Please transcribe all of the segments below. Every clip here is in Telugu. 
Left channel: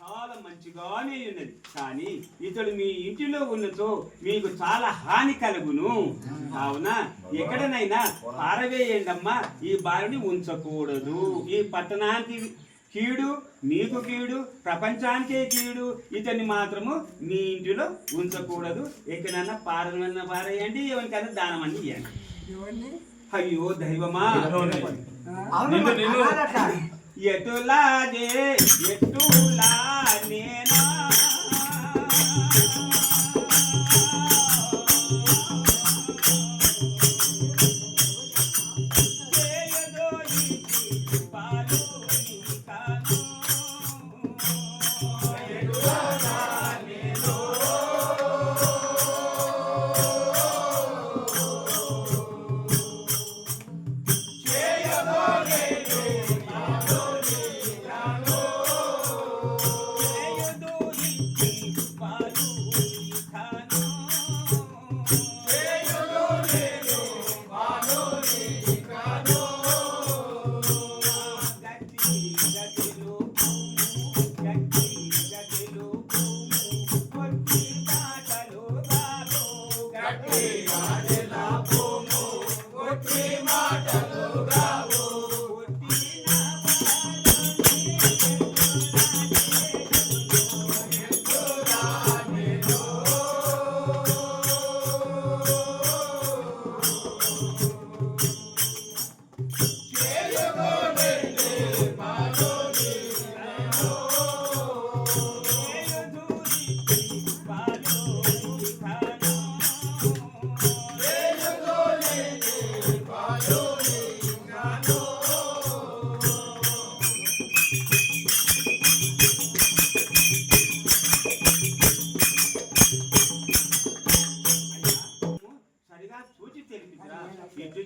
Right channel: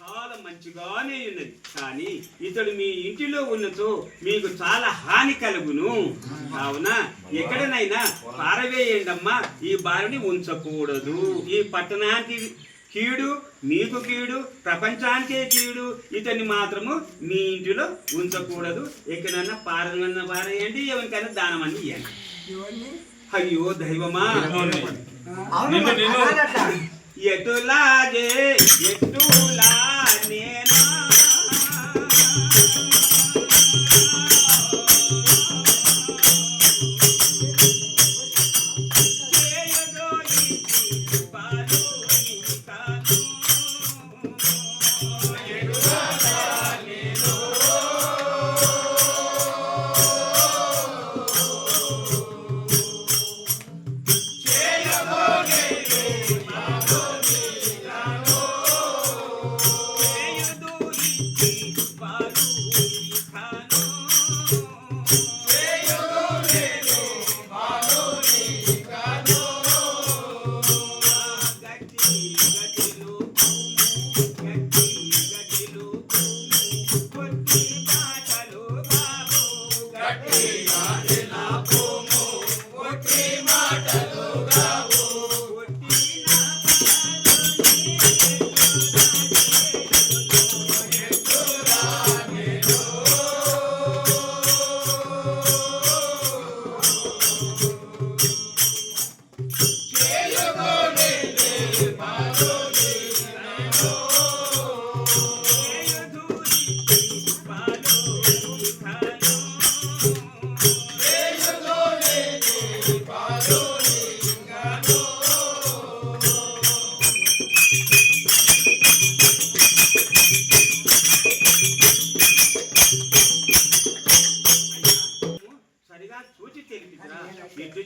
చాలా మంచిగానే ఉన్నది. కానీ ఇతడు మీ ఇంటిలో ఉన్నచో మీకు చాలా హాని కలుగును. కావున ఎక్కడనైనా పారవేయండమ్మా. ఈ బారిని ఉంచకూడదు. ఈ పట్టణానికి కీడు మీకు కీడు ప్రపంచానికే కీడు ఇతన్ని మాత్రము మీ ఇంటిలో ఉంచకూడదు. ఎక్కడైనా పారన్న పారేయండి. ఎవరికైనా దానం అని ఇవ్వండి అయ్యో దైవమా. ఎటులాగే ఎటులా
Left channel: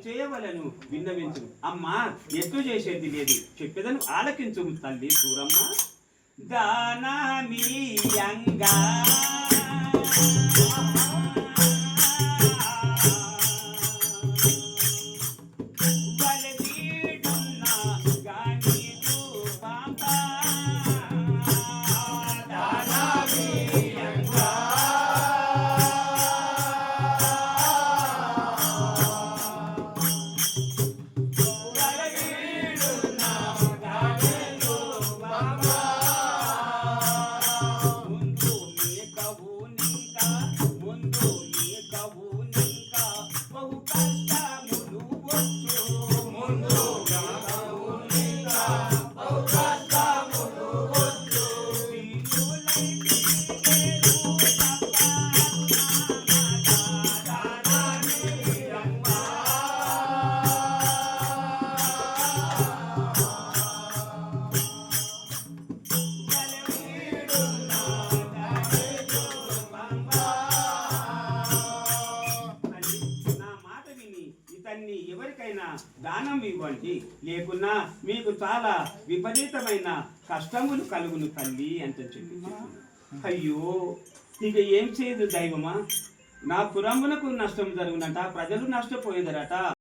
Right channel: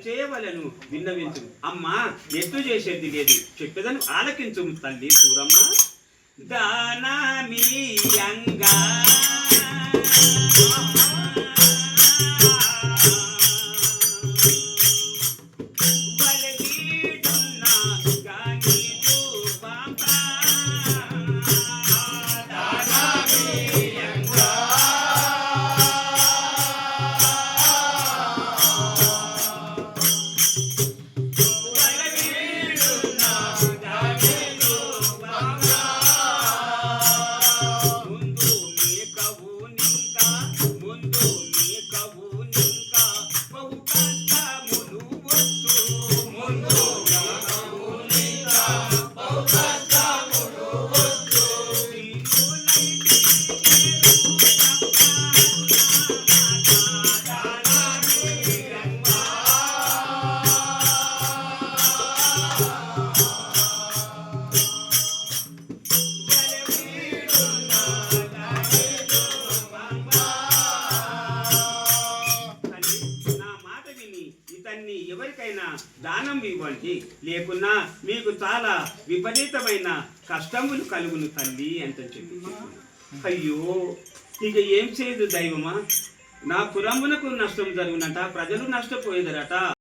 చేయవలను? విన్నవించు. అమ్మా ఎట్లు చేసేది లేదు. చెప్పేదని ఆలకించు తల్లి సూరమ్మ. దానమీయంగా బలగీడున్న You. దానం ఇవ్వండి. లేకున్నా మీకు చాలా విపరీతమైన కష్టములు కలుగును తల్లి అంత చెప్పి అయ్యో ఇక ఏం చేయదు దైవమా? నా పురమునకు నష్టం జరుగునట ప్రజలు నష్టపోయేదరట.